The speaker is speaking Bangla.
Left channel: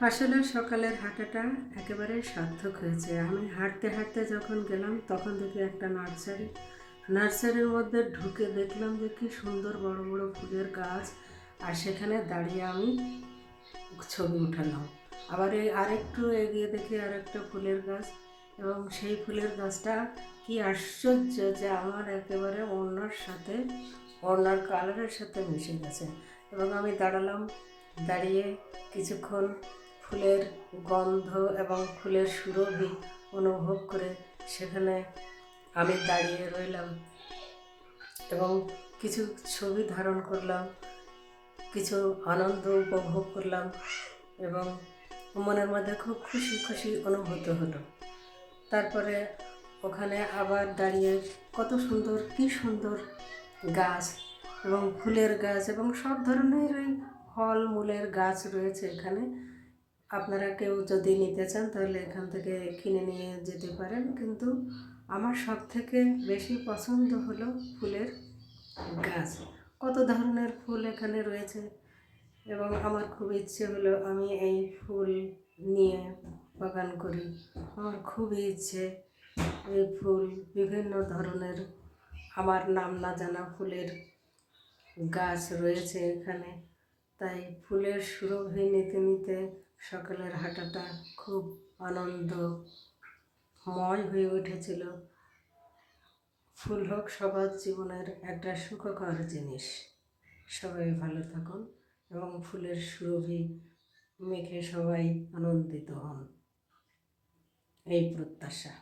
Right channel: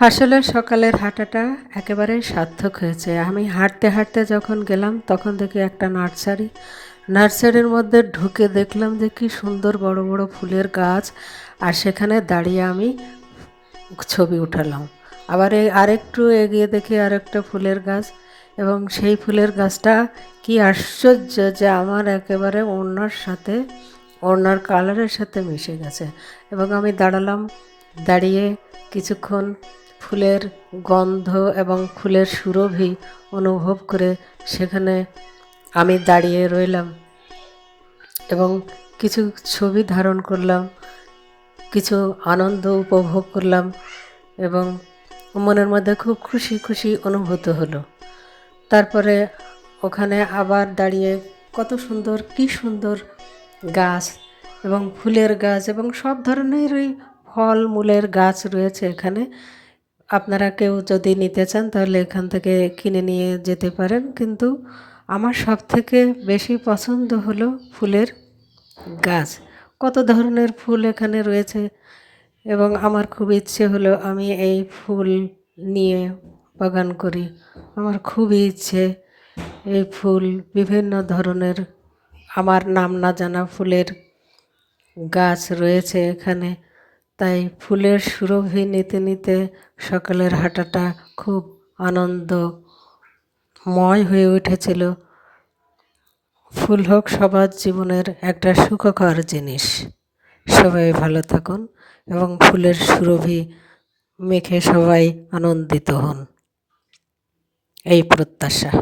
আসলে সকালের হাঁটাটা একেবারেই সার্থক হয়েছে। আমি হাঁটতে হাঁটতে যখন গেলাম তখন দেখি একটা নার্সারির মধ্যে ঢুকে দেখলাম যে কী সুন্দর বড় বড় ফুলের গাছ, আর সেখানে দাঁড়িয়ে আমি ছবি উঠালাম। আবার আরেকটু এগিয়ে দেখি আরেকটা ফুলের গাছ, এবং সেই ফুলের গাছটা কি আশ্চর্য যে আমার একেবারে ওড়নার কালারের সাথে মিশে গেছে। এবং আমি দাঁড়ালাম, দাঁড়িয়ে কিছুক্ষণ ফুলের গন্ধ এবং ফুলের সুরভি অনুভব করে সেখানে আমি দাঁড়িয়ে রইলাম এবং কিছু ছবি ধারণ করলাম, কিছু আনন্দ উপভোগ করলাম এবং মনের মধ্যে খুব খুশি খুশি অনুভূত হলো। তারপরে ওখানে আবার দাঁড়িয়ে কত সুন্দর, কী সুন্দর গাছ এবং ফুলের গাছ এবং সব ধরনেরই ফল মূলের গাছ রয়েছে এখানে। আপনারা কেউ যদি নিতে চান তাহলে এখান থেকে কিনে নিয়ে যেতে পারেন, কিন্তু আমার সবথেকে বেশি পছন্দ হলো ফুলের গাছ। কত ধরনের ফুল এখানে রয়েছে এবং আমার খুব ইচ্ছে হলো আমি এই ফুল নিয়ে বাগান করি। আমার খুবই ইচ্ছে, এই ফুল বিভিন্ন ধরনের আমার নাম না জানা ফুলের গাছ রয়েছে এখানে। তাই ফুলের সুরভি নিতে নিতে সকালের হাঁটাটা খুব আনন্দময় হয়ে উঠেছিল। ফুল হোক সবার জীবনের একটা সুখকর জিনিস। সবাই ভালো থাকুন এবং ফুলের সুরভি মেখে সবাই আনন্দিত হন, এই প্রত্যাশা।